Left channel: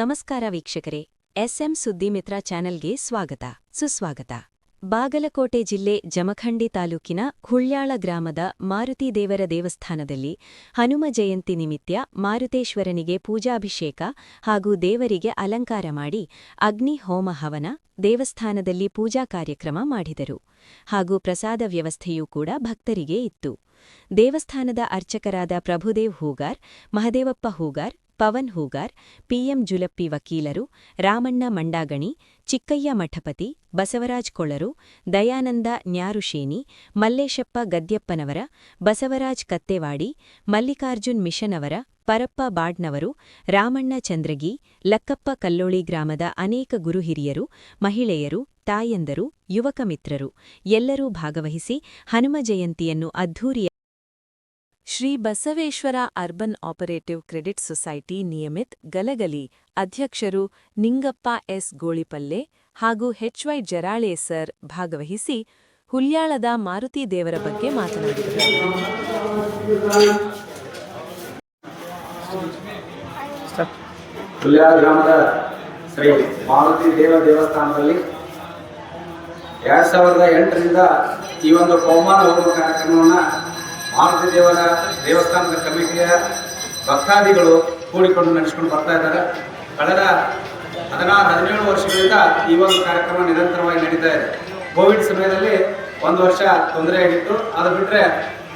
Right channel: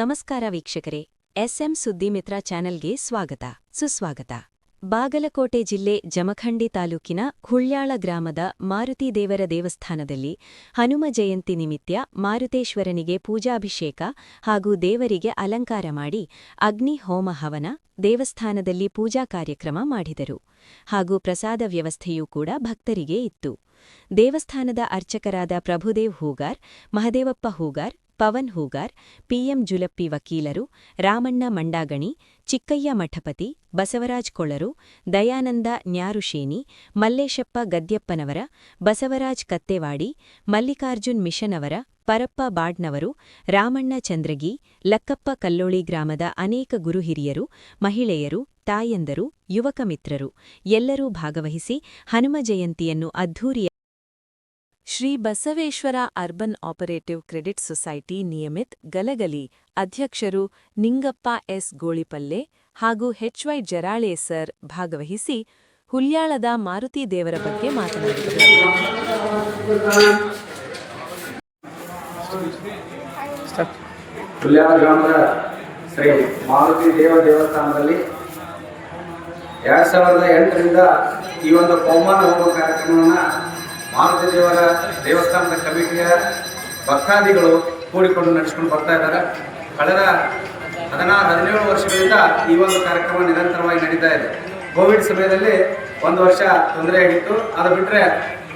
ನಮಸ್ಕಾರ ವೀಕ್ಷಕರೇ, ಎಸ್ಎಂ ಸುದ್ದಿಮಿತ್ರ ಚಾನೆಲ್ಗೆ ಸುಸ್ವಾಗತ. ಬಾಗಲಕೋಟೆ ಜಿಲ್ಲೆ ಜಮಖಂಡಿ ತಾಲೂಕಿನ ಹುಳ್ಯಾಳ ಗ್ರಾಮದ ಮಾರುತಿದೇವರ ದೇವಸ್ಥಾನದಲ್ಲಿ ಹನುಮ ಜಯಂತಿ ನಿಮಿತ್ತ ಮಾರುತೇಶ್ವರನಿಗೆ ಪೂಜಾಭಿಷೇಕ ಹಾಗೂ ದೇವರಿಗೆ ಅಲಂಕಾರ ಮಾಡಿ ಅಗ್ನಿ ಹೋಮ ಹವನ, ದೇವಸ್ಥಾನದಲ್ಲಿ ಪೂಜಾ ಕಾರ್ಯಕ್ರಮ ಮಾಡಿದರು. ಹಾಗೂ ಪ್ರಸಾದ ವ್ಯವಸ್ಥೆಯೂ ಕೂಡ ಭಕ್ತರಿಗೆ ಇತ್ತು. ದೇವಸ್ಥಾನದ ಅರ್ಚಕರಾದ ಪ್ರಭುದೇವ್ ಹೂಗಾರ್, ಮಹದೇವಪ್ಪ ಹೂಗಾರ್, ಪವನ್ ಹೂಗಾರ್, ಪಿಎಂ ಜುಲಪ್ಪಿ ವಕೀಲರು, ರಾಮಣ್ಣ ಮಂಡಾಗಣಿ, ಚಿಕ್ಕಯ್ಯ ಮಠಪತಿ, ಬಸವರಾಜ್ ಕೊಳರು, ದಯಾನಂದ ನ್ಯಾರುಶೇನಿ, ಮಲ್ಲೇಶಪ್ಪ ಗದ್ಯಪ್ಪನವರ, ಬಸವರಾಜ್ ಕತ್ತೇವಾಡಿ, ಮಲ್ಲಿಕಾರ್ಜುನ್ ಮಿಷನವರ, ಪರಪ್ಪ ಬಾಡ್ನವರು, ರಾಮಣ್ಣ ಚಂದ್ರಗಿ, ಲಕ್ಕಪ್ಪ ಕಲ್ಲೋಳಿ ಗ್ರಾಮದ ಅನೇಕ ಗುರುಹಿರಿಯರು, ಮಹಿಳೆಯರು, ತಾಯಂದರು, ಯುವಕ ಮಿತ್ರರು ಎಲ್ಲರೂ ಭಾಗವಹಿಸಿ ಹನುಮ ಜಯಂತಿಯನ್ನು ಅದ್ಧೂರಿಯ Shri Basaveshwara urban operative credit society ನಿಯಮಿತ್ ಗಲಗಲಿ ಅಧ್ಯಕ್ಷರು ನಿಂಗಪ್ಪ ಎಸ್ ಗೋಳಿಪಲ್ಲೆ ಹಾಗೂ ಎಚ್ವೈ ಜರಾಳೆ ಸರ್ ಭಾಗವಹಿಸಿ ಹುಲ್ಯಾಳದ ಮಾರುತಿ ದೇವರ ಬಗ್ಗೆ ಮಾತನಾಡಿದರು. ಹುಲ್ಯಾಳ ಗ್ರಾಮದ ಶ್ರೀ ಮಾರುತಿ ದೇವಸ್ಥಾನದಲ್ಲಿ 2008ರಿಂದ ಈ ಒಂದು ಪವಮಾನ ಹೋಮ ಕಾರ್ಯಕ್ರಮವನ್ನು ಮಾರುತಿ ದೇವರ ದೇವಸ್ಥಾನದ ಕಮಿಟಿಯ ಭಕ್ತಾದಿಗಳು ಕೂಡಿಕೊಂಡು ನಡೆಸಿಕೊಂಡು ಬರ್ತಾ ಇದ್ದಾರೆ. ಕಳೆದ 16-17 ವರ್ಷಗಳಿಂದ ಈ ಒಂದು ಕಾರ್ಯಕ್ರಮ ನಿರಂತರವಾಗಿ ನಡೀತಾ ಇದೆ. ಕೋವಿಡ್ ಸಮಯದಲ್ಲಿ ಒಂದು ವರ್ಷ ತೊಂದರೆಯಾಗಿತ್ತು. ಅದು ಬಿಟ್ಟರೆ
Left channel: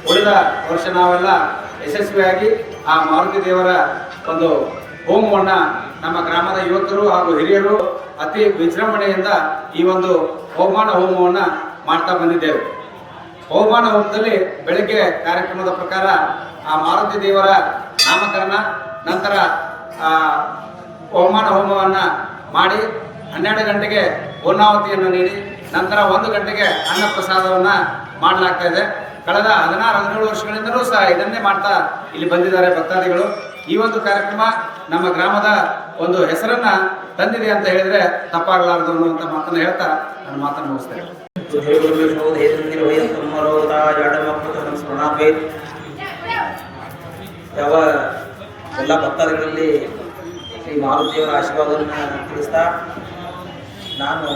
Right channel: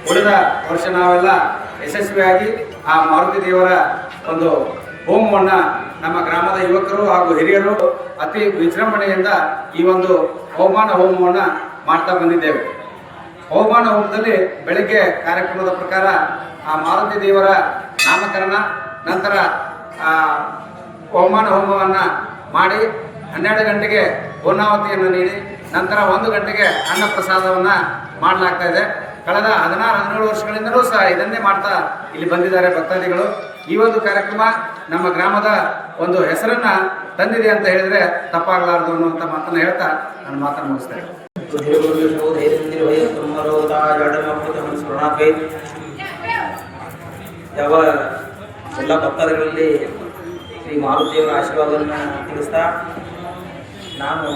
ಉಳಿದ ವರ್ಷ ನಾವೆಲ್ಲ ಯಶಸ್ವಿಯಾಗಿ ಆ ಮಾರುತಿ ದೇವರ ಒಂದು ಹೋಮವನ್ನು ನಮ್ಮ ಗ್ರಾಮದ ಯುವಕರು ಹಾಗೂ ಹಿರಿಯರು ಅತಿ ವಿಜೃಂಭಣೆಯಿಂದ ಈ ಒಂದು ಪವಮಾನ ಹೋಮವನ್ನು ಮಾಡ್ತಾ ಬಂದಿದ್ದೇವೆ. ಪವಮಾನ ಹೋಮದಲ್ಲಿ ಬೆಳಗ್ಗೆ ಕಾರ್ಯಕ್ರಮದ ಪ್ರಕಾರ ಆ ಮಾರುತಿ ದೇವರ ನಾಮಕರಣ, ನಂತರ ಪವಮಾನ ಹೋಮವನ್ನು ಮಾಡಿ 12 ಗಂಟೆಗೆ ಪೂರ್ಣಾವತಿಯನ್ನು ನೀಡಿ ನಂತರ 1 ಗಂಟೆಗೆ ಅನ್ನ ಪ್ರಸಾದವನ್ನು ಮಾಡಲಾಗ್ತಾ ಇದೆ. ಕಳೆದ 16-17 ವರ್ಷಗಳಿಂದಲೂ ಸಹ ಇದನ್ನೇ ಮಾಡ್ತಾ ಇಲ್ಲಿ ಬಂದಿದ್ದಾರೆ ಭಕ್ತಾದಿಗಳು. ಈ ಒಂದು ಕಾರ್ಯಕ್ರಮ ನಮ್ಮ ಗ್ರಾಮದ ಒಂದು ಹೆಸರನ್ನ ತಂದಿದೆ ಅಂತ ಹೇಳಿದ್ರೆ ತಪ್ಪಾಗಲಾರದು ಅನ್ನುವಂಥ ಮಾತನ್ನು ಹೇಳ್ತಾ ನಾನು ಮಾತನ್ನು ಮುಗಿಸ್ತೇನೆ. ಯಾವ ಎಲ್ಲ ಭಕ್ತಾದಿಗಳಲ್ಲಿ ಶ್ರೀ ಮಾರುತಿಯವರ ಆಶೀರ್ವಾದವನ್ನು ತಿಳಿಸ್ತಾ, ನಾನು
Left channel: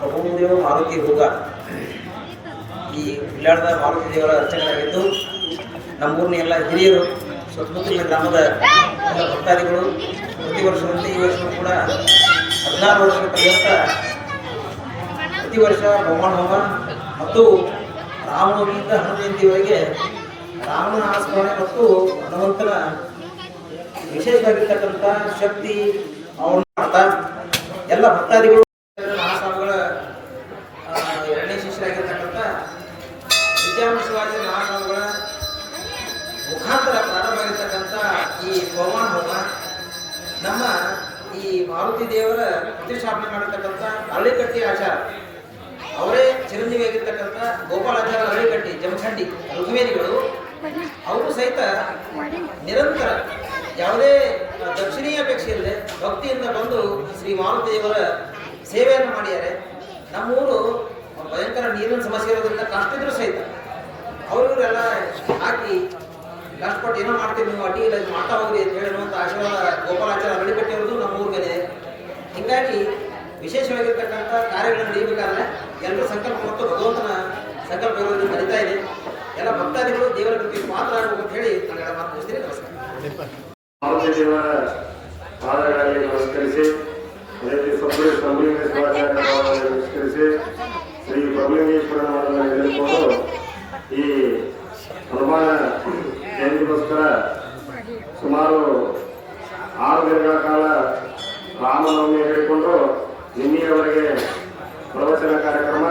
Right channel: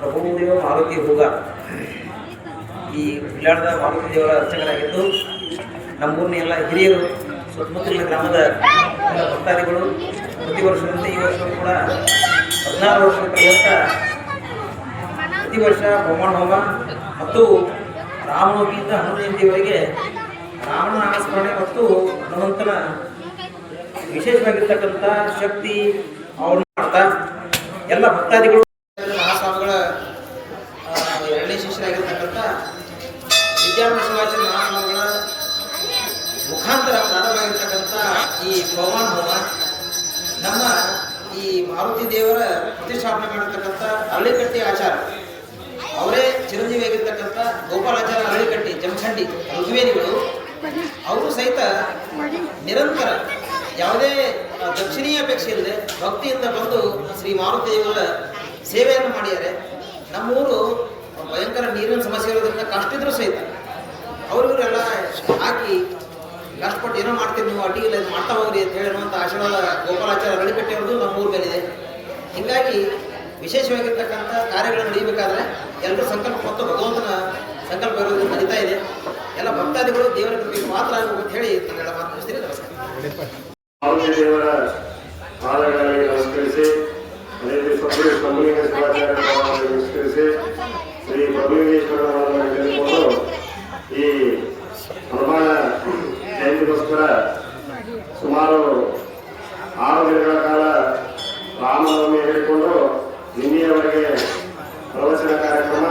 ಪ್ರಭುದೇವ ಮಾರುತಿ ಹೂಗಾರ್, ಈ ಹುಲ್ಯಾಳದ ಮಾರುತಿ ದೇವರ ಅರ್ಚಕರಾಗಿದ್ದು ನಮ್ಮೂರಿನ ಎಲ್ಲ ಹಿರಿಯರು, ಸುತ್ತಮುತ್ತಲಿನ ಗ್ರಾಮದ ಎಲ್ಲ ಭಕ್ತಾದಿಗಳು ಪ್ರತಿ ವರ್ಷದಂತೆ ಈ ವರ್ಷವೂ ಕೂಡ 16 ವರ್ಷಗಳ ಪರ್ಯಂತ ಪ್ರತಿ ವರ್ಷ ಪವಮಾನ ಹೋಮ ಮತ್ತು ರಾಮನವಮಿಯಿಂದ ಹನುಮ ಜಯಂತಿಯವರೆಗೆ ರಾಮನ ನಾಮಸ್ಮರಣೆ ಮತ್ತು ಹನುಮಂತನ ವಿಶೇಷವಾಗಿರ್ತಕ್ಕಂಥ ಶಕ್ತಿ ಅವ್ರನ್ನ ಮಾಡ್ತಾ ಎಲ್ಲ ಭಕ್ತಾದಿಗಳು ಮಹಾಸ್ವಾಮಿಗಳ 2ನೇ ಶಿಷ್ಯರಾಗಿರ್ತಕ್ಕಂಥ ವಿದ್ಯಾಮಣ ಶಿವಾಚಾರ್ಯ ಮಹಾಸ್ವಾಮಿಗಳ ಮುಖಾಂತರ ಪ್ರಾರಂಭವಾಗಿರ್ತಕ್ಕಂಥ ಈ ಪವಮಾನ ಹೋಮ ನಮ್ಮ ಈ ಮಾರುತಿ ದೇವರ ಪ್ರತಿಷ್ಠಾಪನೆ ಮಾಡಿರ್ತಕ್ಕಂಥ ಅರಳಿಕಟ್ಟಿ ಆಚಾರ ಅವರೇ ಚಿರಂಜೀವಿಯಾಗಿರ್ತಕ್ಕಂಥ ಗೋಪಾಲಾಚಾರ ಅರಳಿಕಟ್ಟಿ ಜಮಖಂಡಿ ಋಗ್ವೇದಿಗಳು ಅವರು ಸಹಿತ ನಿರಂತರ ಯಾವುದೇ ದಕ್ಷಿಣೀಯ ಅಪೇಕ್ಷೆ ಇಲ್ಲದೆ ಭಕ್ತಿಯಿಂದ ಬಂದು ಶ್ರೀ ಮಾರುತಿ ದೇವರ ಸೇವೆಯನ್ನು ಮಾಡಿದ್ದಾರೆ. ನಮ್ಮೂರು ಭಯಂಕರ ನೀರಿನ ಸಮಸ್ಯೆ ಇರೋದ್ರಿಂದ ಕಷ್ಟ ಇದ್ರೂ ಸಹಿತ ಅವರಿವರೆಲ್ಲ ಹಾಕಿ ಕಷ್ಟಪಟ್ಟು ಏನೋ ಮಾಡ್ತೀವಿ, ನೀವು ಅಡ್ಡಿ ಇಲ್ಲ ಮಾಡ್ತಾ ಹೋಗ್ರಿ ಅಂತ ಹೇಳುವಂಥ ಆಶೀರ್ವಾದ ಗೋಪಾಲಾಚಾರ ಅರಳಿಕಟ್ಟಿ ಅವ್ರದ್ದು ನಮ್ಮ ಊರ ಮೇಲೆ ಇದೆ. ಹೀಗಾಗಿ ವಿಶೇಷವಾಗಿರ್ತಕ್ಕಂಥ ಕಾರ್ಯಗಳನ್ನು ನಡೆಯಬೇಕಾದ್ರೆ ಎಲ್ಲರೂ ಸಂಕಲ್ಪ ಮತ್ತು ಭಗವಂತನ ಸಂಕಲ್ಪ ಇರೋದ್ರಿಂದ ನಡೀತಾ ಇದೆ. ಎಲ್ಲ ಭಕ್ತಾದಿಗಳು ದೇವರ ಕೃಪೆಗೆ ಮಾತ್ರ ಆಗಬೇಕು ಅಂತ ಹೇಳಿ ನಾನೆಲ್ಲ ಮಾತು ಮುಗಿಸ್ತೀನಿ. ನಮಸ್ಕಾರ. ಮಾರುತಿ ದೇವರ ಪಾದಗಳಲ್ಲಿ ನಮಸ್ಕರಿಸಿ, ಅದೇ ನಮಸ್ಕರಿಸಿ ಶ್ರೀ ಪ್ರಭುಲಿಂಗೇಶ್ವರವನ್ನು ಹೇಳಿಕೊಂಡು ಈ ಹನುಮಾನ ಜಯಂತಿಗೋಸ್ಕರ ಸುಮಾರು 6 ದಿನಗಳ ಕಾಲ ರಾಮನವಮಿ ಹೇಳಿಕೊಂಡು ನಿನ್ನೆಯವರೆಗೆ ಪ್ರವಚನ ಕಾರ್ಯಕ್ರಮ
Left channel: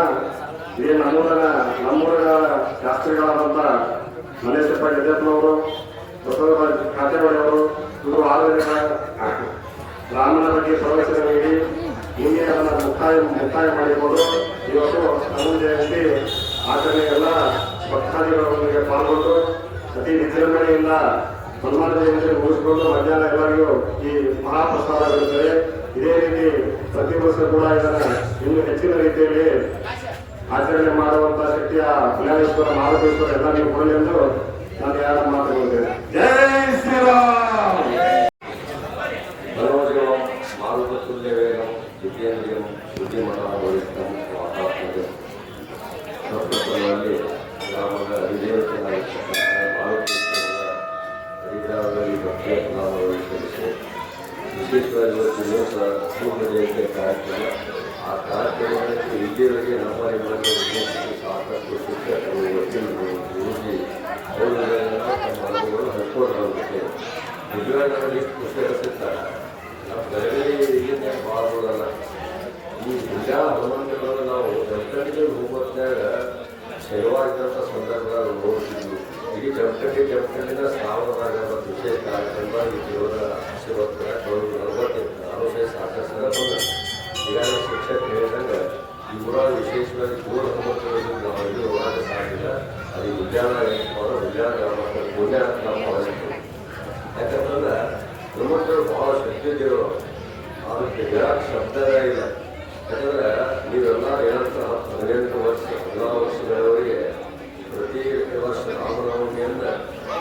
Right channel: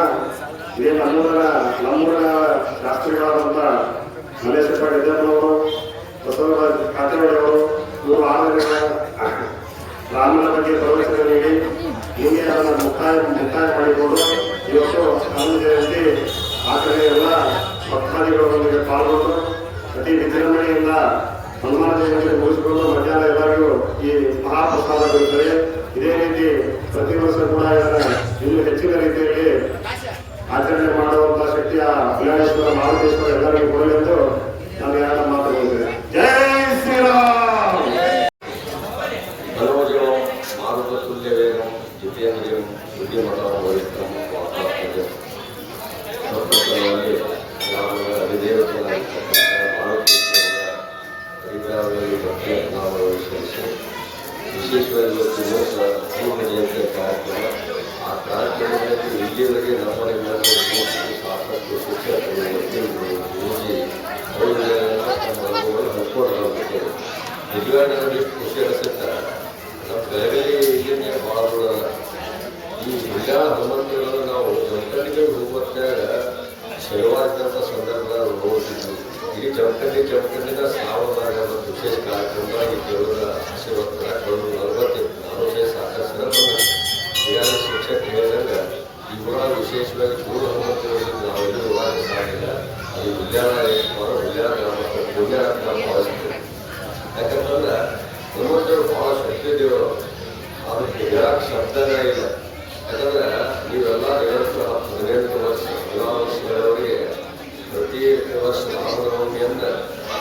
ಇದೇ ನಮ್ಮೂರಿನ ಶಾಸ್ತ್ರಿಗಳಾದಂಥ ಮಲ್ಲೇಶಪ್ಪ ಗದ್ಯಪ್ಪನವರು, ಬಸವರಾಜ್ ಕತ್ತೇವಾಡಿಯವರು ಇವರು 6 ದಿನಗಳ ರಾಮನ ಬಗ್ಗೆ ಪ್ರವಚನ ನೀಡಿ ನಿನ್ನೆ ಅದನ್ನು ಮುಕ್ತಾಯ ಮಾಡಿಕೊಂಡು ಇವತ್ತು ಹನುಮ ಜಯಂತಿ ಆಚರಣೆ ಎಲ್ಲ ಭಕ್ತಾದಿಗಳೊಂದಿಗೆ ಪಾಲ್ಗೊಂಡು ಅತಿ ವಿಜೃಂಭಣೆಯಿಂದ ಹನುಮಾನ ಜಯಂತಿ ಮುಗಿಸಿಕೊಂಡು ಮಧ್ಯಾಹ್ನ ಎಲ್ಲರಿಗೂ ಈ ಮಹಾಪ್ರಸಾದವಿರುತ್ತದೆ. ಇದೇ ರೀತಿ ಪ್ರತಿ ವರ್ಷ ಕೂಡ ಇದನ್ನು ಇನ್ನೂ ಹೆಚ್ಚಿನ ರೀತಿಯಲ್ಲಿ ಆಚರಣೆ ಮಾಡುವಂತಹ ಶಕ್ತಿಯ ಕಲ್ಯಾಣೇಶ್ವರ ಮಾರುತೇಶ್ವರ ಎಲ್ಲರಿಗೂ ಕೊಡಲೆಂದು ನಾನು 2 ಮಾತು ಹೇಳಿದ್ದೇನೆ. ಜೈ ಶ್ರೀರಾಮ್. ಶ್ರೀ ಜಮಖಂಡಿನ ಶ್ರಾವಣದಾಗ ಒಂದು ವಿಶೇಷ ಕಾರ್ಯಕ್ರಮ ಈ ದೇವರ ಆಶೀರ್ವಾದ ಕಳೆದು 45 ಸಾಕಷ್ಟು ಸಲ ಬಂದಿದೆ. ಈಗಾಗಲೇ ಶಿಕ್ಷಕ ಹೇಳಿದಾಗ ಈ ಊರ ವಿಶೇಷವಾಗಿ ಜೋಡ ಹನುಮಂತರಿಗೆ ನಾವೆಲ್ಲೂ ಹೋಗಾಕ ಸಾಗಿಲ್ಲ. ಅದು ಹುಲ್ಯಾಳ ಗ್ರಾಮ ಹುಲ್ಯಾಳ ಗ್ರಾಮ ಭಾವಿಸ್ತೀವಿ. ಯಾಕಂತಂದ್ರೆ ಹನುಮಂತರು ಭಾಳ ಶಕ್ತಿ ದೇವರು, ಅದಕ್ಕೆ ಹೇಳಕ್ಕೆ ಶಬ್ದನೇ ಇಲ್ಲ. ಯಾಕಂದ್ರೆ ನೀವೆಲ್ಲ ನಿರಂತರ 18 ವರ್ಷ 16 ವರ್ಷಗಳವರೆಗೆ ಪ್ರತಿ ವರ್ಷ ರಾಮನವಮಿಯಿಂದ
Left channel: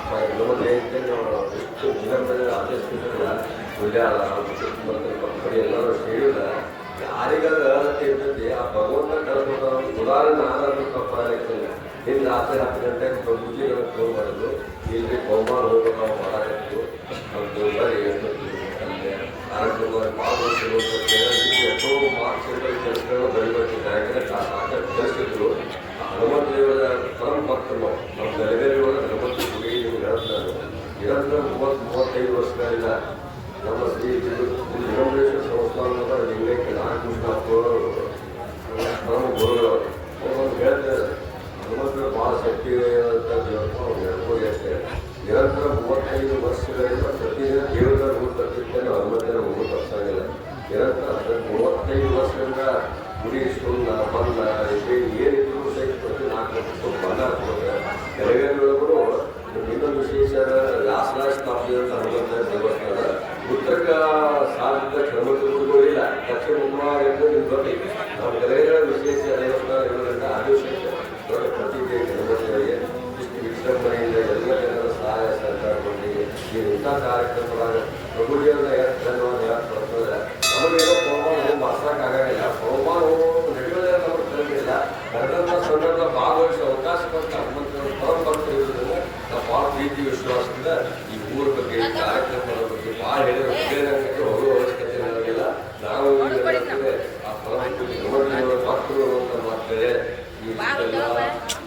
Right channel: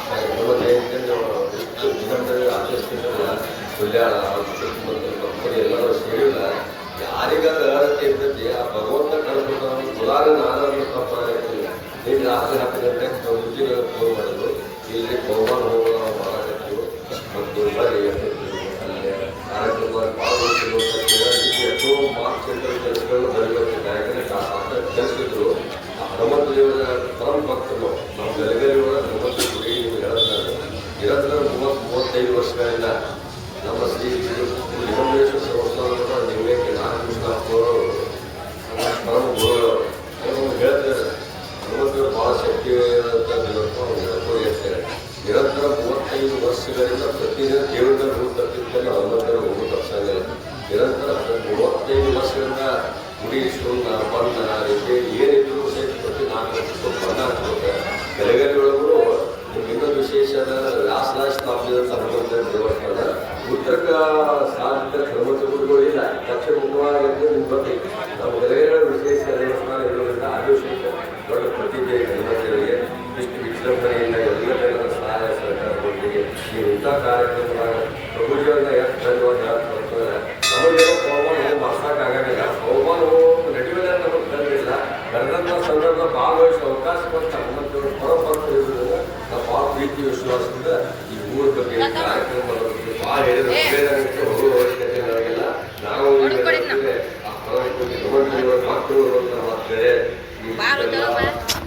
ಹನುಮ ಜಯಂತಿಯನ್ನು ಎಷ್ಟು ವಿನಮ್ರವಾಗಿ ಆಚರಿಸ್ತಿದ್ದಲ್ಲ. ಹುಲ್ಯಾಳ ಮತ್ತು ಭಕ್ತರು ಎಲ್ಲರೂ ಸೇರಿಲ್ಲ. ಯಾರಿಗಾದ್ರೂ ಅರ್ಹತೆ ಇರ್ತೈತಿ ಆ ಭಗವಂತ ಕಳ್ಕೊಂಡು ಉದಾಹರಣೆ ಆಧಾರದ ತಪ್ಪ ಆಗ್ತೀನಿ. ನಿನ್ನೆ ರಾತ್ರಿ 10 ಗಂಟೆಗೆ ಮುಂಚಿನ ಫೋನ್ ಮಾಡೋದು, ಇಲ್ಲಿ ಬಹುಮಾನ ಹೋಗೋದು ನಾವು ಮಾಡಕತ್ತೀವಿ ಮತ್ತು ಬರೀ ಅಲ್ಲಿ ಕಾರ್ಯಕ್ರಮ ಪಾಲ್ಗೊಳ್ತಿರುವಂಥ ಎಷ್ಟೋ ಮಾರ್ಕ್ಸ್ ಕೆಲಸಗಳನ್ನು ಬರಿಬೇಕು. ಯಾಕಂದರೆ ಸಾಕಷ್ಟು ಕೆಲಸಿದ್ರು. ಹನುಮಂತ ದೇವರ ಪರಮ ಭಕ್ತರು ನಮ್ಮ ಗಲಗಲಿಯೊಳ ಹನುಮಂತ ಗುಡಿ ಹೇಳ್ತಾರೆ. ನಿರಂತರ 30-35 ವರ್ಷಗಳಿಂದ ನಮ್ಮ ಶ್ರೀ ಲಿಂಗೇಶ್ವರ ಸಂಸ್ಥಾನದ ನಿವೇಕ ನಾಗಕೃಷ್ಣಪ್ಪವರು ಪರಮ ಗುರುಗಳು ಹೇಳ್ತಾರೆ. ಹನುಮಂತರು ಭಾಳ ಶಕ್ತಿವಂತ ದೇವರನ್ನು ಅವ್ರು ಹೇಳ್ಕೊಂಡು ಹೇಳ್ತಾರೆ. ನಿರಂತರ 35 ವರ್ಷಗಳಿಂದ ಪ್ರತಿದಿನ ದೇವರನ್ನ ರೂಢ ತಪ್ಪಿದ್ದಲ್ಲಿ ಹನುಮಂತನ ರೂಢ ತಪ್ಪಿಸಂಗಿಲ್ಲ. ನಿರಂತರ 35 ವರ್ಷಗಳಿಂದ ಗುಡಿ ಸುಣ್ಣ ಬಣ್ಣ ರೇಖೆ ಏನಿದ್ರು ಸಹಿತ ಪ್ರತಿ 4 ವರ್ಷಕ್ಕೂ ಬಣ್ಣ ಹಾಕ್ತಾರೆ. ಬೆಳಗಾವಿ ಒಳಗೂ ಇನ್ನೊಂದು ವಿಶೇಷ ವ್ಯಾಸರಾಜ ಸ್ಥಾಪಿಸಿದಂಥ ಹನುಮಂತ ದೇವಸ್ಥಾನ ಉತ್ತರಕ ಸಾಧಿತ ಹನುಮಂತ ಗುರುಗಳಿಲ್ಲ. ದಕ್ಷಿಣ ಮುಖವಾಗಿದ್ದು ನಿಮ್ಗೆ ಗೊತ್ತಿದೆ. ನಾವು ಬೆಳಗಾವಿ ವಿಶೇಷ ದೇವಸ್ಥಾನ ಇರೋದ್ರಿಂದ ಅದು ವಿಶೇಷ ದೊಡ್ಡ ಪ್ರತಿಭೆ ಹನುಮಂತರಿಗೆ ಇಷ್ಟು ವಿಜೃಂಭಣೆಯಿಂದ ಎಲ್ಲ ಜನರ ಸಹಾಯ ಸಹಕಾರದೊಂದಿಗೆ ನೀವು ಇಂಥ ಕಾರ್ಯಕ್ರಮದಾಗ ಪ್ರಭುಜಿಯವರನ್ನ ಎಷ್ಟು ಧನ್ಯವಾದ ಹೇಳ್ತಾರೆ. ನಮಗೇನೋ ಹವಾಮಾನ ಹೋಗಿ ಮಾಡ್ಸೋಕ್ಕಾಗಂಗಿಲ್ಲ. ಹವಾಮಾನ ಹೋಗಿ ನಡುವೆಲ್ಲ ನಮಗೆ ಕರೆದಿಲ್ಲ. ಕರೆದಂಥ ಸಂದರ್ಭ ಭಾಗವಹಿಸೋ ಅವಕಾಶ ಕೊಟ್ಟು ಹನುಮಂತವರು ಪರಭಕ್ತರು ಇರೋದ್ರಿಂದ ನಾವು ಭಾಳ ಪ್ರೀತಿ ವಿಶ್ವಾಸದಿಂದ ಈ ಊರ ಬಗ್ಗೆ ಕಾರ್ಯಕ್ರಮದ ಬಗ್ಗೆ ಭಾಳ ಹೇಳಿದ್ರೆ ಹೋಗುವ ಅವಶ್ಯಕತೆ ಇರೋದಿಲ್ಲ. ನಾವು ಆ ಪರಭಕ್ತರು ಮಕ್ಕಳು ಮಾಡ್ತೇವೆ.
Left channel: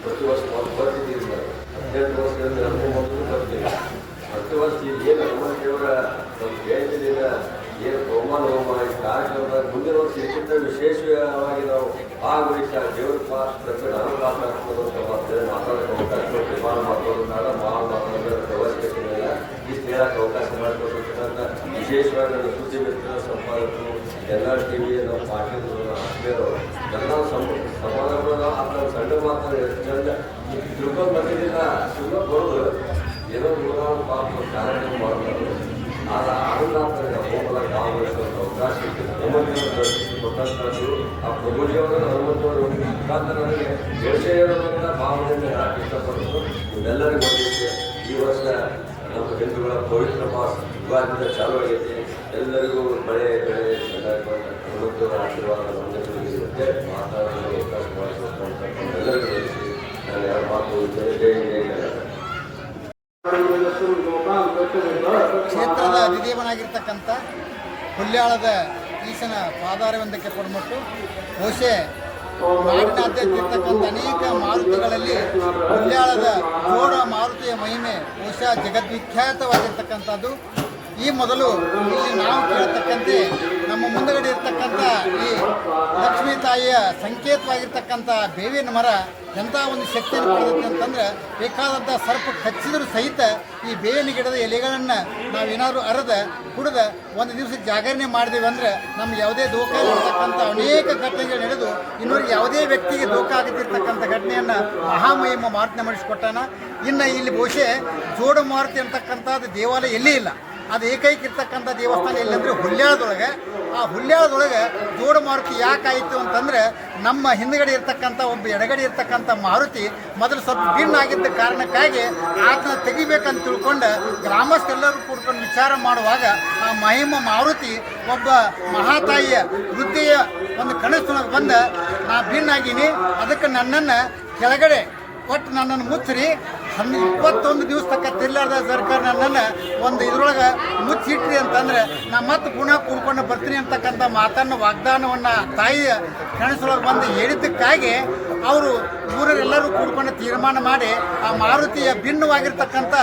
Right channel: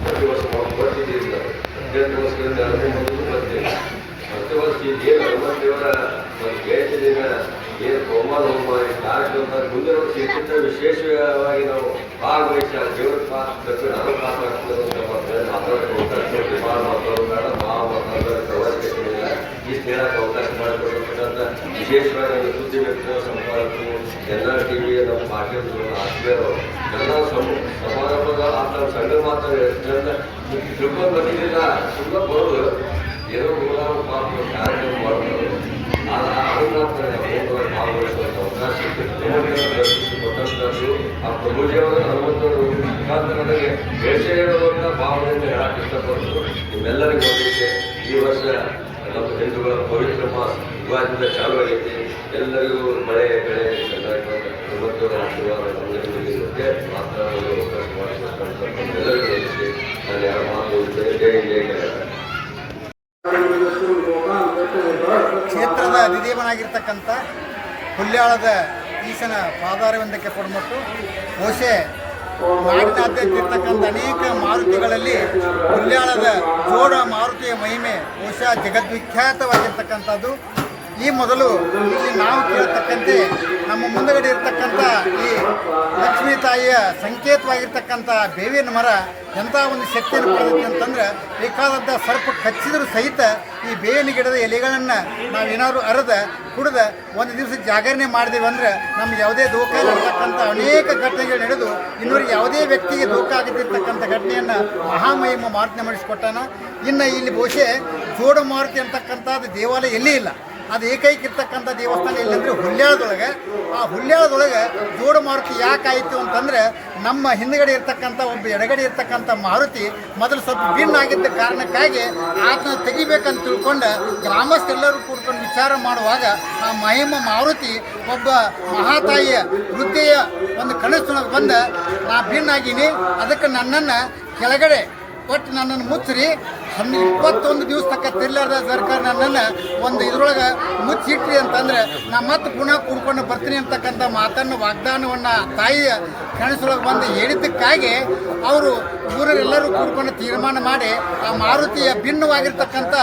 ಪ್ರತಿ ವರ್ಷ ನಾವು ಬರ್ತಿದ್ದೀವಿ. 18 ವರ್ಷದಿಂದ 19 ಬರ್ತೀವಿ. ಪ್ರತಿ ವರ್ಷ ಏನು ಹನುಮಂತೇವರ ಒಂದು ಜಯಂತಿ ದಿನ ಏನು ಬಹುಮಾನ ಹೋಮ ಕಾರ್ಯಕ್ರಮ ಮುಂದಿನ ವರ್ಷ ಇದಕ್ಕಿಂತ ವಿಶೇಷವಾಗಿ ನಾವು ಭಾಗವಹಿಸಿ ಆ ದೇವರ ಪಾತ್ರ ನಾನು ಮಾತಾಡ್ತಕ್ಕಂಥ ಮಾತಾಡೋಕ್ಕೆ ಅವಕಾಶ ಕೊಟ್ಟು ಭಾಳ ಮಾತಾಡೋದಾದ ಭಾಳ ಮಾತಾಡೋದಕ್ಕೆ ಅವಶ್ಯಕತೆ ಇಲ್ಲ. ಇಷ್ಟು ಹೇಳಕ್ಕೆ ಅವಕಾಶ ಮಾಡಿಕೊಟ್ಟಿರ್ತಕ್ಕಂಥ ವಿಶೇಷವಾಗಿ ನಮ್ಮ ಸುದ್ದಿ ವ್ಯಕ್ತಿಗಳ ಸಂಪಾದಕರು NRTV ನಮ್ಮ ಪಾಟೀಲರು ಆತ್ಮೀಯರು ಎಲ್ಲ ಸಮಾರಂಭದ ನಮ್ಮ ಸಂಘ ಮಾತಾಡಿ ಎಷ್ಟು ಚಂದ ತಿಳ್ಕೊಂಡು ಬಂದಿದ್ದಿಲ್ಲ. ಸುಮ್ಮನೆ ಬರೋದು ಏನೋ ಗುರುಗಾರ ಪಾತ್ರ ಕಾರ್ಯಕ್ರಮ ಮಾಡೋದು ಅದನ್ನ ಹೋಗಲಾಗ ಭಾಗವಹಿಸುವಂಥ ಅವಕಾಶ ಕೊಟ್ಟಂಥದ್ದು ಆ ಪ್ರಭುಜಿಯವರ ಹನುಮಂತವರು ಮುಖಾಂತರ ನನಗೆ ಹೇಳೋದ್ರಿಂದ ಭಾವನೆಯಿಂದ ಹೇಳಕ್ಕೆ ಇಷ್ಟಪಟ್ಟು ನಿಮ್ಮೆಲ್ಲರಿಗೂ ಒಂದಿದೆ. ಈ ವರ್ಷ ನಮ್ಮ ಹಿಂದೂಗಳ ಪವಿತ್ರ ಮಾಸ ಯುಗಾದಿಂದ ಚಾಲು ಆಗೈತೆ. ಎಲ್ಲರಿಗೂ ಮಳೆ ಬೆಳೆ ಚೆನ್ನಾಗಿ ಬಂದ ಹನುಮಂತವರ ಆಶೀರ್ವಾದ ನಮಗೆ ಮಾತಾಡಲು ಅವಕಾಶ ಮಾಡಿಕೊಟ್ಟಂಥ ಎಲ್ಲರಿಗೂ ಒಂದಿದೆ. ನಾನು ಯಾವ ಮಾತು ಜಯ ಕ್ಷೇತ್ರದ ಅಧಿದೇವನಾಗಿರ್ತಕ್ಕಂಥ ಹುಲ್ಯಾಳದ ಈಶನ ಪಾದಾರವಿಂದಕ್ಕೆ ಕೊಡ್ಮಟ್ಟು ಬಹುಶಃ ನಾಡಿನಾದ್ಯಂತ ಇರ್ತಕ್ಕಂಥ ಅನೇಕ ಮಾರುತಿಗಳಲ್ಲಿ ಹುಲ್ಯಾಳದ ಜೋಡ ಮಾರುತಿಯ ಮಹಿಮೆ ಬಹುಶಃ ಜಗದ್ವಿಖ್ಯಾತವಾಗಿರ್ತಕ್ಕಂಥದ್ದು. ಈ ಮೊದಲು ಇಲ್ಲಿ ನಾವು ಕೇಳತಕ್ಕಂತೆ ನಮ್ಮ ಮುಂದಗಡೆ ಇರ್ತಕ್ಕಂಥ ಈ ಲಕ್ಷ್ಮೀ ತಾಯಿಯ ಸಂಕೇತವಾಗಿರ್ತಕ್ಕಂಥ ಬೇವಿನ ಮರ ಎಂಥ ಒಂದು ಶಕ್ತಿಯನ್ನು ಪಡೆದೈತಿ ಅಂತಂದ್ರೆ ಬೇಕಾದಂಥ ಸರ್ಪ ಕಚ್ಚಿದರೂ ಸಹಿತ ಈ ಬೇವಿನ ಗಿಡದ ಎಲೆಗಳನ್ನು ನಾವೇನಾದ್ರು ಅರೆದ ಕುಡಿದ ಒಂದು ದಿವಸ ಜಾಗರಣೆ ಮಾಡಿದೀವಿ ಅಂದರೆ ನಮ್ಗೆ ಯಾವುದೇ ದೋಖ ಇರತಕ್ಕಂಥ ಅನೇಕ ಘಟನೆಗಳು ನಡೆದು ಇನ್ನೂರಿಗೆ ಯಾವುದೇ ವ್ಯಕ್ತಿಗೆ ದೋಖ ಆಗದಿರ್ತಕ್ಕಂಥ ಘಟನೆಯನ್ನು ಮಹಾಮಹಿಮ ಮಾರುತಿನ ಮಾಡಿಸಿಕೊಟ್ಟಾನ. ಇನ್ನು ಇಲ್ಲಿ ಬಹುಶಃ ಜೋಡ ಮಾರುತಿ ಅಂತಕ್ಕಂಥದ್ದು ದೇವಾಲಯ ಎಲ್ಲಿ ಇಲ್ಲ. ಅದು ಏಕೈಕ ಇರ್ತಕ್ಕಂಥ ದೇವಸ್ಥಾನ ಎಲ್ಲಂದರೆ ಹುಲ್ಯಾಳದೊಳಗೆ. ಆ ಹುಲ್ಯಾಳದೊಳಗೆ ಜೋಡ ಮಾರುತಿ ಯಾಕಾಯಿತು ಅಂತಂದರೆ ನಮ್ಮ ಹಿಂದುಗಡೆ ಇರ್ತಕ್ಕಂಥ ಒಬ್ಬ ಎಡಗಡೆ ಇರ್ತಕ್ಕಂಥ ಮಾರುತಿ ಮೊದಲು ಸ್ವಲ್ಪ ಭಿನ್ನ ಆಗಿದ್ದ ಕಾರಣಕ್ಕಾಗಿ ಆತನ ತೆಗಿಬೇಕಂತ ತಿಳ್ಕೊಂಡು ಗ್ರಾಮಸ್ಥರೆಲ್ಲರೂ ಕೂಡ್ಕೊಂಡು ವಿಚಾರ ಮಾಡುವಾಗ ಆ ಮಹಿಮ ಮಾರುತಿ ಒಬ್ಬ ಮಹಾತಾಯಿಯ ವೃದ್ಧೆಯ ಒಂದು ಕನಸಿನೊಳಗೆ ಬಂದ ನಾ ಭಿನ್ನಾಗಿನಿ, ಅದಕ್ಕೆ ನನ್ನನ್ನು ಕೆಳಗಡೆ ಒಟ್ಟು ನನ್ನನ್ನು ಮುಚ್ಚಿರಿ 21 ದಿವಸ ತಕ್ಕ ತಿರ್ಲಾರ್ದ ಸರ್ಕಾರ ನನ್ನನ್ನು ಒಂದು ಇದ್ರೊಳಗೆ ಮುಚ್ಚಿಟ್ರಿ ಅಂತಂದರೆ ನಾ ಮತ್ತೆ ಪುನಃ ಕೂಡ್ಕೊಂಡು ಬರ್ತೀನಿ ಅಂತಕ್ಕಂಥ ಮಾತನ್ನು ವಾಗ್ದಾನವನ್ನು ತಾಯಿಯ ಕನಸೊಳಗೆ ಬಂದು ಹೇಳಿದ್ದಕ್ಕಾಗಿ ಅವರು ಊರರೆಲ್ಲರೂ ಕೂಡ್ಕೊಂಡು ತೀರ್ಮಾನ ಮಾಡಿ ಆ ಮಾರುತಿಯ ಭಿನ್ನವಾಗಿರ್ತಕ್ಕಂಥ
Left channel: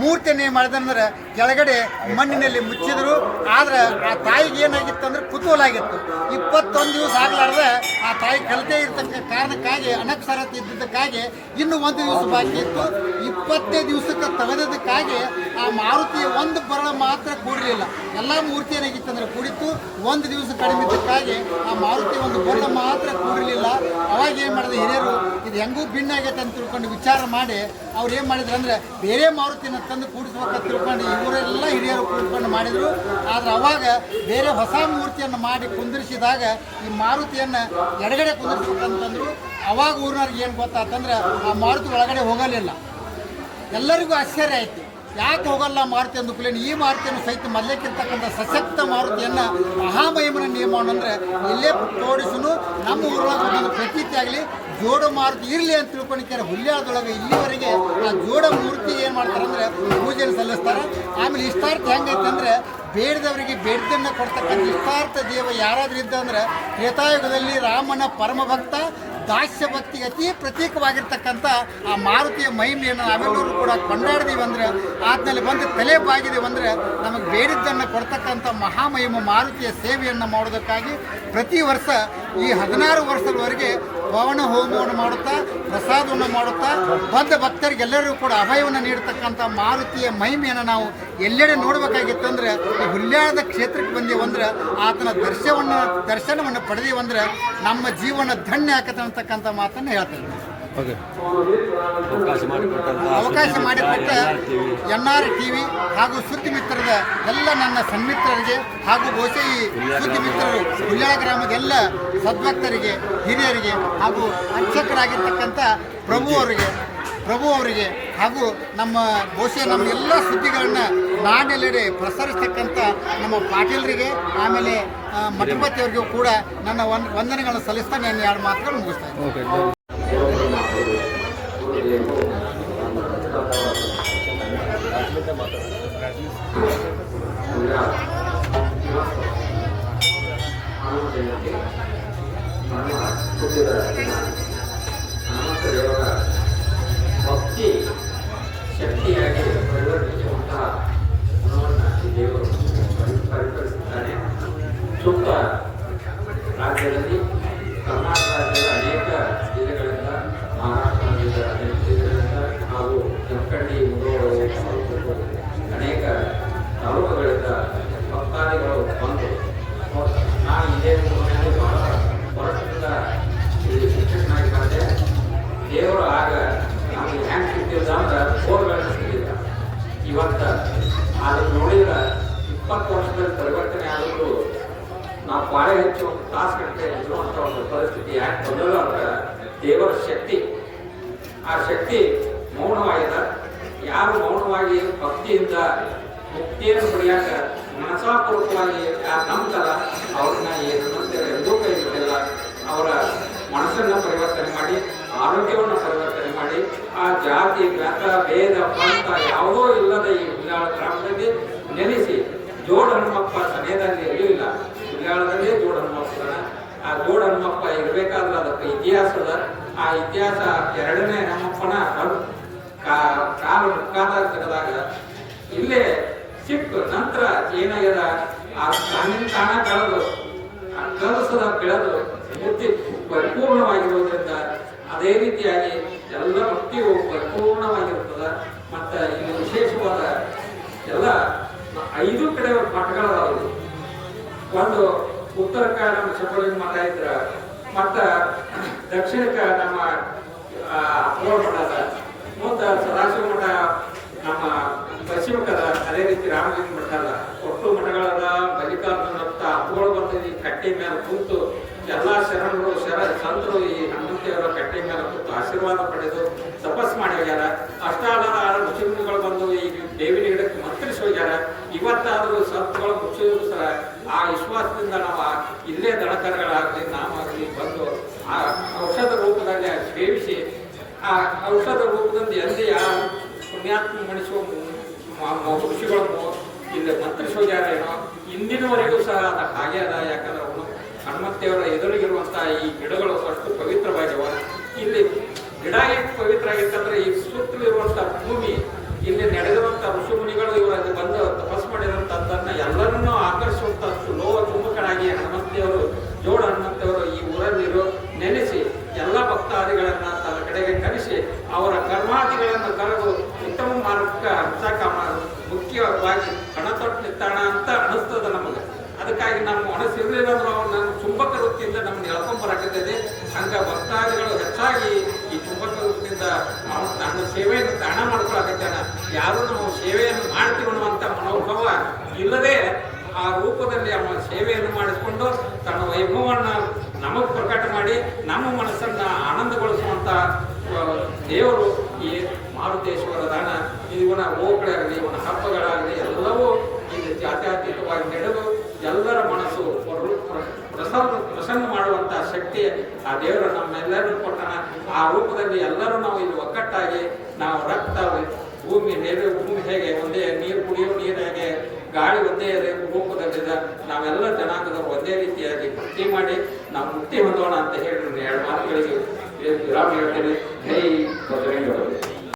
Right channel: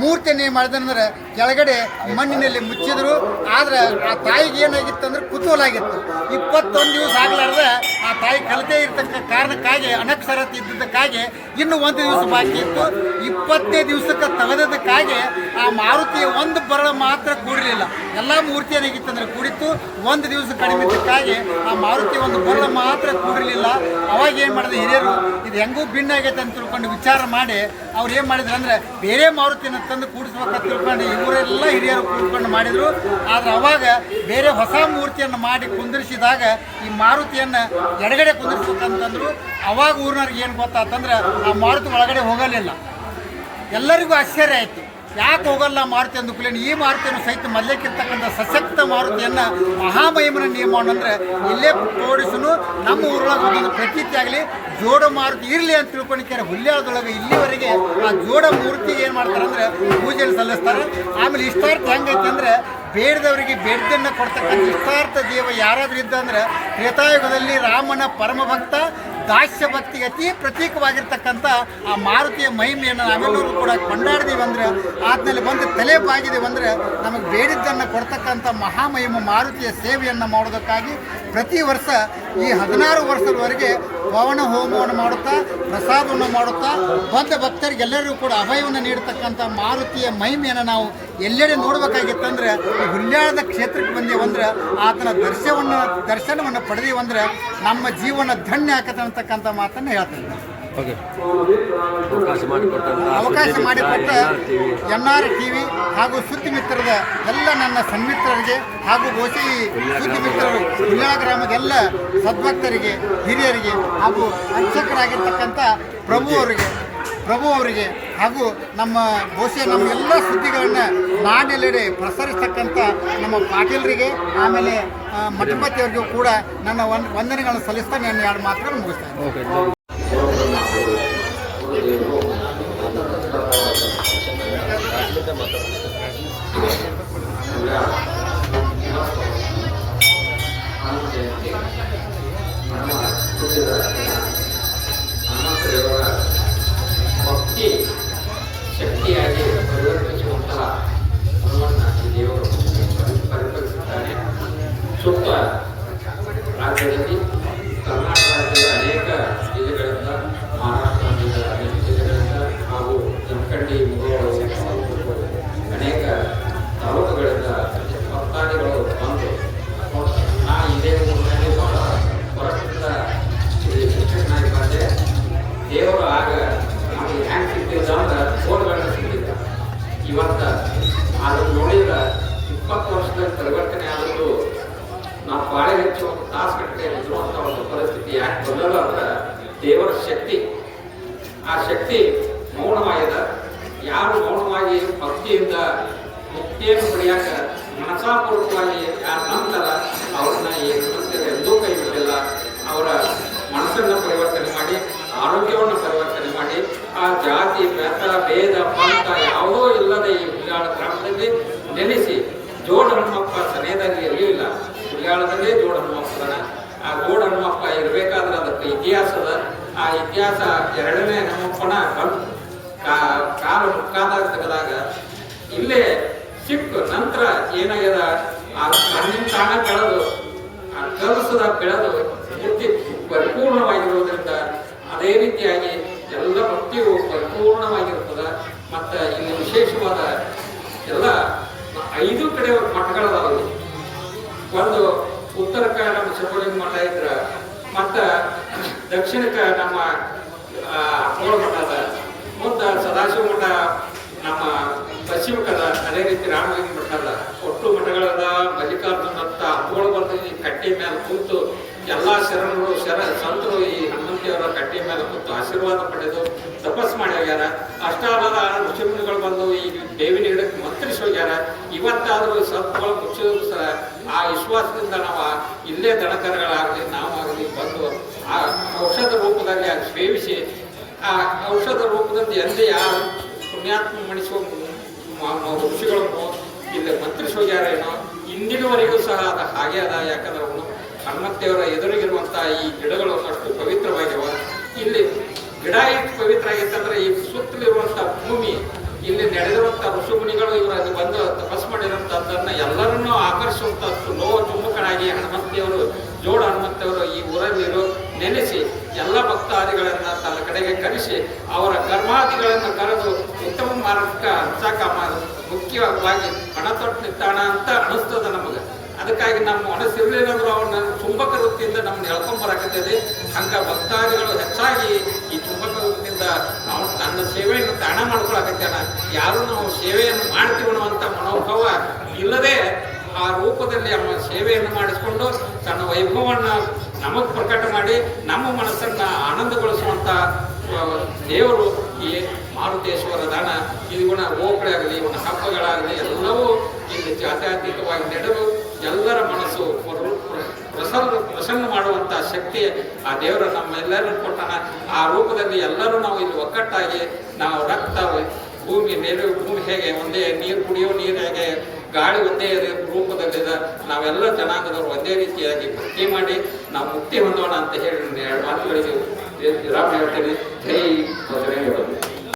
ಮೂರ್ತಿಯನ್ನು ಮಾಡಿದಂದ್ರೆ ಕೆಳಗಡೆ ಮಣ್ಣಿನಲ್ಲಿ ಮುಚ್ಚಿದ್ರು. ಆದರೆ ಆ ತಾಯಿಗೆ ಏನಾಗಿತ್ತು ಅಂದ್ರೆ ಕುತೂಹಲ ಆಗಿತ್ತು. 21 ದಿವಸ ಆಗಲಾರ್ದೆ ಆ ತಾಯಿ ಕಲಿತೇ ಇರ್ತಕ್ಕ ಕಾರಣಕ್ಕಾಗಿ ಅನಕ್ಷರತೆ ಇದ್ದಿದ್ದಕ್ಕಾಗಿ ಇನ್ನೂ 1 ದಿವಸ ಬಾಕಿ ಇತ್ತು. 20ನೇ ದಿವಸಕ್ಕೆ ತೆಗೆದಕ್ಕಾಗಿ ಆ ಮಾರುತಿಯ ಒಂದು ಬರಳ ಮಾತ್ರ ಕೂಡಲಿಲ್ಲ. ಎಲ್ಲ ಮೂರ್ತಿ ಏನಾಗಿತ್ತಂದ್ರೆ ಕೂಡಿತ್ತು, ಒಂದು ದಿವಸ ಕಡಿಮೆ ಇದ್ದಕ್ಕಾಗಿ ಆ ಮಾರುತಿ ಒಂದು ಬರಳ ಮಾತ್ರ ಕೂಡಿರಲಿಲ್ಲ. ಅವಾಗ ಏನು ಮಾಡಿದ್ರೆ ಹಿರಿಯರು ಇದು ಹೆಂಗೂ ಭಿನ್ನ ಆಗೈತೆ ಅಂತ ತಿಳ್ಕೊಂಡು ವಿಚಾರ ಮಾಡಿ ಅವ್ರು ಏನು ಮಾಡಿದ್ರು ಅಂದರೆ ಬೇರೆ ಮಾರುತಿಯನ್ನು ತಂದು ಕೂಡಿಸ್ಬೇಕಂತ ತಿಳ್ಕೊಂಡು ಇವರೆಲ್ಲ ಹಿರಿಯರು ಕೂಡ್ಕೊಂಡು ಮಾಡಿದರು. ಆದರೆ ಅವಾಗ ಬೇರೆ ಹೊಸ ಮೂರ್ತಿಯನ್ನು ಮಾಡಿ ಕುಂದಿರಿಸಿದಾಗ ಈ ಮಾರುತಿಯನ್ನು ಎಡಗಡೆ ಕುಂದಿರಿಸ್ಬೇಕಂತಂದ್ರು. ಅವಾಗ ಊರಿನವ್ರಿಗೆ ಏನು ಗೊತ್ತಾತಂದ್ರೆ ಆ ಮಾರುತಿ ಒಳಗಡೆ ಹೋಗಲಿಲ್ಲ. ಎಲ್ಲರಿಗೂ ಆಶ್ಚರ್ಯ ಆಯಿತು, ಯಾಕೆ ಹೋಗಲ್ಲ ಮಾರುತಿ ಅಂದುಕೂಲೇನು ಈ ಮಾರುತಿಯನ್ನು ಸಹಿತ ಮೊದಲೇಕಿರ್ತಕ್ಕಂಥ ಸಶಕ್ತ ಮಾರುತಿಯನ್ನು ಮಹಾಮಹಿಮನ ನಿಯಮವನ್ನು ಅಂದರೆ ಇಲ್ಲೇ ತೋಡಿಸನು ನಮ್ಮ ಊರೊಳಗೆ ಒಂದೊಂದು ಪ್ರತೀತಿ ಆಗಲಿ ಜೋಡ ಮಾರುತಿ ಇರಲಿ ಅಂತ ತಿಳ್ಕೊಂಡಿದ್ದಾರೆ. ಹುಲ್ಯಾಳದೊಳಗೆ ಇಲ್ಲಿವರೆಗೆ ಆ ಜೋಡ ಮೂರ್ತಿಗೆ ಏನು ಮಾಡ್ತಾರೆ ಅಂದರೆ ಪೂಜೆಯನ್ನು ಸಲ್ಲಿಸ್ತಾರೆ. ಆಮೇಲೆ ಇಷ್ಟಾರ್ಥ ಹೆಂಗೈತೆ ಅಂದರೆ ಬೇಡದವರಿಗೆ ಬೇಡದನ್ನು ಕೊಡ್ತಕ್ಕಂಥ ಇಷ್ಟಾರ್ಥ ದೇವ ಯಾರಾದರೂ ಇದ್ದ ಅಂದರೆ ತ್ರೇತಾಯುಗದಲ್ಲಿ ರಾಮನ ಪರಮಭಕ್ತ ದಾಸ್ಯ ಭಕ್ತಿಗೆ ಅತಿ ಪ್ರತೀಕವಾಗಿರ್ತಕ್ಕಂಥ ಆ ಮಾರುತಿಯ ಮಹಿಮೆಯನ್ನು ನಾವೆಲ್ಲರೂ ಕೂಡ ಕೊಂಡಾಡಿದೀವಿ ಅಂದರೆ ಆದ್ಮೇಲೆ ಬಂದು ತಲೆ ಬಾಗಿದೀವಿ ಅಂದರೆ ನಮಗೆ ಬೇಡಿದ್ದನ್ನು ಕೊಡ್ತಕ್ಕಂಥ ಮಹಾಮಹಿಮ ಮಾರುತಿಯ ಸೇವೆಯನ್ನು ಮಾಡೋದಕ್ಕಾಗಿ ಪ್ರತಿ ವರ್ಷ ಈ 16 ವರ್ಷದವರೆಗೆ ಪವನ ಹೋಮವನ್ನು ಮಾಡುತ್ತಾ ಪ್ರಸಾದವನ್ನು ಮಾಡುತ್ತಾ ಬಂದ ಭಕ್ತರಿಗೆಲ್ಲರಿಗೂ ಕೂಡ ಅಭಯವನ್ನು ನೀಡತಕ್ಕಂಥ ಮಾರುತಿಯ ಮಹಿಮೆಯನ್ನು ನಾವು ಎಲ್ಲೆಡೆ ನೋಡಬೇಕಾಗಿತ್ತಂದ್ರೆ ಈ ಹುಲ್ಯಾಳದ ಕ್ಷೇತ್ರಕ್ಕೆ ಬಂದೀವಂದ್ರೆ ಆತನ ದರ್ಶನವನ್ನು ಪಡೆದೀವಂದ್ರೆ ನಮ್ಮ ಜೀವನ ಧನ್ಯ ಆಕತ್ತೆ ಅಂತಕ್ಕಂಥ ಮಾತನ್ನು ಹೇಳ್ತಾ ಇದ್ದಾರೆ. ಅವಕಾಶ ಮಾಡಿಕೊಟ್ಟ NR TV ಹಾಗೂ ಸುದ್ದಿ ಮಿತ್ರರ ಎಲ್ಲ ನನ್ನ ಸನ್ಮಿತ್ರರಿಗೆ ಹಾಗೂ ಬಹುಶಃ ಈ ಸುದ್ದಿ ಮಿತ್ರರು ಹುಲ್ಯಾಳ ಗ್ರಾಮದ ಎಲ್ಲ ಸದ್ಭಕ್ತರಿಗೆ ಹಿರಿಯರಿಗೆ ಹಾಗೂ ಅರ್ಚಕರಾಗಿರ್ತಕ್ಕಂಥ ಪ್ರಭು ಅವರಿಗೆ ಹಾಗೂ ನಮ್ಮ ಬಹುಶಃ ನಮ್ಮ ಎಲ್ಲ ಸುದ್ದಿಗಳನ್ನು ನಾಡೆಲ್ಲೆಡೆ ಪ್ರಸರಿಸ್ತಕ್ಕಂಥ ನಮ್ಮ ಪಾಟೀಲರಿಗೆ ಆಮೇಲೆ ಮಠಪತಿಯವರಿಗೂ ಕೂಡ ನನ್ನ ವಂದನೆಗಳನ್ನು ಸಲ್ಲಿಸ್ತಾ ನಾನು 2 ಮಾತುಗಳು ಮುಗಿಸ್ತಾ ಇದ್ದೀನಿ. ಹನುಮಂತದೇವರ ಭಕ್ತಿ ಶಕ್ತಿಯಾಗಿ ಪರಿವರ್ತಿಸುವಂತಹ ಹನುಮನ್ನ ಈ ದೇವರು ಪರಿಪರಿಸುತ್ತಾನೆ. ಸುತ್ತ ರಾಜ್ಯದಲ್ಲಿ ಕರ್ನಾಟಕ ರಾಜ್ಯದ ಅನೇಕ ಜಿಲ್ಲೆಗಳಿಂದ, ಮಹಾರಾಷ್ಟ್ರ ರಾಜ್ಯದ ಅನೇಕ ಜಿಲ್ಲೆಗಳಿಂದ ಹಾಗೂ ಜಮಖಂಡಿ ಮುಧೋಳ ಅನೇಕ ತಾಲೂಕುಗಳಿಂದ ಭಕ್ತಾದಿಗಳು ಬಂದು ನಾವು ಇದೇ ಊರಿನಲ್ಲಿ ಬಹಳ ವರ್ಷದಿಂದ ಇಲ್ಲಿ ಶಿಕ್ಷಕನಾಗಿ ಬಂದೆ. ದೇವರು ಆಗ ನಮಗೆ ಹೆಂಗೆ ಸಿಗ್ತಿದ್ದ ಅಂದ್ರೆ ಬೋರ್ಗಳನ್ನು ಸಿಗ್ತಿದ್ದ. ಇವತ್ತು ಅದನ್ನು ನೋಡಿದ್ರೆ 20 ವರ್ಷದಲ್ಲಿ ಪರಿವರ್ತನೆ ಆದರೂ ನಾವು ಬಾಳೆ ಹೆಚ್ಚು ಒಂದು ತಾಸು ಗಟ್ಟಲೆ ಇರುವಂಥ ಒಂದು ಪರಿಸ್ಥಿತಿ ಯಾಕೆ ಬಂದಲ್ಲ ಅಂದ್ರೆ ದೇವರ ಶಕ್ತಿ. ಆ ಶಕ್ತಿ ಮೌನವಾಗಿದೆ. ಯಾರು ಮೌನವಾಗಿ ಭಕ್ತಿಯಿಂದ ಮುಕ್ತಿಯನ್ನು ಪಡೆಯಾಕ ಮನಸಾಪೂರ್ವಕವಾಗಿ ಯಾರು ನಂಬ್ತಾರ ಅವ್ರನ್ನ ಈ ಹನುಮಂತರು ಎಂದೂ ಕೈ ಬಿಟ್ಟಿಲ್ಲ. ಅವರ ಮನಸ್ಸನ್ನು ಪರಿವರ್ತನೆ ಮಾಡಿ, ಆರೋಗ್ಯವನ್ನು ಪರಿವರ್ತನೆ ಮಾಡಿ, ಆ ಜಾತಿ ಮತ ಭೇದ ಪಂಥ ಯಾವುದೋ ಇಲ್ಲದೆ ಈ ಹುಲ್ಯಾಳ ಗ್ರಾಮದಲ್ಲಿ ನೆಲೆಸಿ ಜೋಡ ಹನುಮಪ್ಪ ಸನೇದಲ್ಲಿ ಎಲ್ಲಿಯೂ ಇಲ್ಲ. ಹುಲ್ಯಾಳದಲ್ಲೇ ಜೋಡ ಹನುಮಪ್ಪದನ. ಆ ಜೋಡ ಹನುಮಪ್ಪ ಇರಬೇಕಾದ್ರೆ ಅದಕ್ಕೆ ಇತಿಹಾಸದ. ಆ ಇತಿಹಾಸ 2ನೇ ಹನುಮಪ್ಪನ ಬಂದು ಕಾಲು ಮುಕ್ಕಾದಾಗ ತೆಗೆದಾಗ ಇಲ್ಲೇ ಸಿಕ್ಕು. ನಂತರ ಏನಾಗ್ಯದ, ಆ ಕಣ್ಣಿನ ತಾಣ ಬೆಳೆದು ಆ ಕಲಸದ ಬೆಳೆದು ಮೂರ್ತಿ ಪರಿಪೂರ್ಣವಾಗಿರುವುದರಿಂದ ಅದೇ ರೀತಿಯಾಗಿ ಎಲ್ಲ ಭಕ್ತಿಯು ಪರಿಪೂರ್ಣವಾಗಿರುತ್ತದೆ. ಮತ್ತು ಇಲ್ಲಿ ವಿಶೇಷವಾದ ಎಲ್ಲ 5 ಕಡೆ ಮಠಗಳದಾವಲ್ಲಿ. ಒಂದು ಉತ್ತರಕ್ಕೆ ನಮ್ಮ ಶಂಭುಲಿಂಗ ಮಠ ಇದ್ರೆ, ಮತ್ತು ದಕ್ಷಿಣಕ್ಕೆ ನಮ್ಮ ಅಪ್ಪೋಳ ಮಠ ಅದ, ಮುಂದೆ ಸದಾಶಿವ ಮಠ ನಮ್ಮ ಪಶ್ಚಿಮಕ್ಕದ, ಅದೇ ರೀತಿ ರಾಮಲಿಂಗ ಮಠ ಅದ. ಒಟ್ಟು ಮಠಗಳದ. ಮಲ್ಲಿಕಾರ್ಜುನತ್ತ ಅಪ್ಪೋಳ ಬಂದು ಈ ಕಟ್ಟೆ ಮೇಲೆ ಕುಂತು ಎಲ್ಲ ಶರಣರು ಸಂತರು ಈ ಹನುಮಂತಿಯವರ ಕಟ್ಟೆ ಮೇಲೆ ಕುಂತು ಆಶೀರ್ವಾದ ಪಡೆದು ತಪಸ್ ಮಾಡಿ ಹೋಗ್ಯಾರ. ಅಷ್ಟಾಲದ ಋಷಿಮುನಿಗಳು ಬಂದು ಈ ದೇವಿನ ಗಿಡಕ್ಕೆ ಮಂತ್ರಿಸಿ ಹೋಗ್ಯಾರ. ಇವತ್ತಾದರೂ ಸತ್ಗಳು ಮುಚ್ಚ ಆ ವಿಶ್ವಾಸದಿಂದ ನಾವು ಇಲ್ಲೇ ದನಕರಗಳಾಗಲಿ ನಾವಾಗಲಿ ಬಂದು ಆ ಔಷಧ ರೂಪದಲ್ಲಿ ಸೇವಿಸಿ ಆ ಔಷಧ ರೂಪದಿಂದ ಎಂದೇ ಯಾರು ಪುಣ್ಯಾತ್ಮ ಮಣಿಸುವ ಋಷಿಗಳನ್ನು ಇಲ್ಲಿ ಮಂತ್ರಿಸಿ ಹೋಗ್ಯಾರ ಏನೋ. ಇಂದಿನವರೆಗೂ ಸಹ ಅದು ಹಾಗೆ ಅದ. ಯಾಕಂದ್ರೆ ಅವನು ಹನುಮಂತೇವರ ಎದುರಿಗಿರುವಂಥ ಈ ಗಿಡಗಳು ಅಷ್ಟು ಪವಿತ್ರವಾಗಿವ. ಇಲ್ಲಿ ಗಿಡ ಎಷ್ಟು ಪವಿತ್ರ ಆಗೈತಂದ್ರೆ ಈ ಸುತ್ತಲಿರುವಂಥ ಭೂಮಿ, ಇಲ್ಲಿ ನಡೆದಿರುವಂಥ ಋಷಿಮುನಿಗಳು ಇವರಲ್ಲಿ ಬಂದು ತಪಸ್ ಮಾಡಿರುವಂಥದ್ದನ್ನು ಎಲ್ಲರನ್ನೂ ಆಕರ್ಷಿಸುವಂಥದ್ದು ಲೋಹ ಚುಂಬಕನಾಗಿ ಹನುಮಂತಿಯವರು ಜೋಡ ಹನುಮಂತಿಯವರು ಈ ಊರಲ್ಲಿರೋ ನೆಲೆಸಿ ಎಲ್ಲ ಭಕ್ತಾದಿಗಳನ್ನು ತನ್ನ ಕಡೆಗೆ ಕರೆಸಿ ಅವರ ಕರ್ಮಾದಿಗಳನ್ನು ಕರೆದು ಉತ್ತಮ ಮಾರ್ಗಕ್ಕೆ ಹಂಚಾಕ ಮುಖ್ಯವಾಗಿ ಹಣ ತೊಟ್ಟು ನಿಂತಾಣ ಅಂತ ಅನಿಸ್ತದ ನಮಗೆ. ಅದಕ್ಕಾಗಿ ನಮ್ಮ ಮನಸ್ಸಿರಲಿಲ್ಲ ಅಂದ್ರೆ ಅವನ್ನ ಚುಂಬಕ ವೃತ್ತಿಯಿಂದ ನಮ್ಮನ್ನು ಎಳ್ಕೊಂಬರಾಕತ್ತದೆ. ಹಂಗೆ ಭಕ್ತಾದಿಗಳು ಹೆಚ್ಚಾಗಿ ಈ ಚುಂಬಕ ವೃತ್ತಿಯಿಂದ ಅವನು ತನ್ನ ಸೇವೆಯನ್ನು ತಾಣ ಮಾಡ್ಕೊಳಕತ್ತಾನ. ಯಾರು ನಾವು ಸೇವೆಯನ್ನು ಮಾಡ್ತೀವನ್ನುವಂಥ ಮನೋಭಾವ ಇಲ್ಲದೆ ಆ ರೂಪದಲ್ಲಿ ಅವನ ಸೇವೆಯನ್ನು ಮಾಡಿಸ್ಕೊಂಡು ತನ್ನ ವೈಭವವನ್ನು ನಮಗೆ ಪ್ರಕಟ ಮಾಡಿ ನಮ್ಮ ಮನಸ್ಸನ್ನು ಆನಂದಗೊಳಿಸುವಂಥ ದೇವರು ಈ ಮಾರುತೇಶ್ವರ ದಾನ. ಇವನ ಓಕಳಾಗಲಿ ಇವನ ಹಬ್ಬಗಳಾಗಲಿ ಎಲ್ಲವೂ ಇಲ್ಲಿ ಜಾತ್ಯತೀತವಾಗಿ ನಡೆದು ಎಲ್ಲರ ಮನಸ್ಸು ಪ್ರಸನ್ನ ಮಾಡುವಂಥ ಶಕ್ತಿ ಆ ದೇವರು ನಮ್ಮೆಲ್ಲರೂ ಕೊಟ್ಟಾನ. ಆ ರೂಪದಲ್ಲಿ ಎಲ್ಲರೂ ನಾವು ಇಲ್ಲಿ ಒಕ್ಕಟ್ಟಾಗಿ ನಾವು ರಕ್ತ ಭೂಮಿ ಹೇಗೆ ಒಂದೇ ನೀರು ಕುಡಿಯೋ ನೀರು ಹೇಗೆ ಗಾಳಿ ಒಂದೇ ರೂಪದಲ್ಲಿದೆ, ನಾವೆಲ್ಲ ಜನಾಂಗದವರು ಒಂದೇ ರೀತಿಯಾಗಿ ಭಕ್ತಿ ಮಾಡಿ ನಾವು ಮುಕ್ತಿ ಹೊಂದೋಣ ಅಂತ ಹೇಳಿ 2 ಮಾತುಗಳಿಗೆ ವಿರಾಮ ಹೇಳ್ತೀನಿ. ಜೈ ಬಸವೇಶ್ವರ.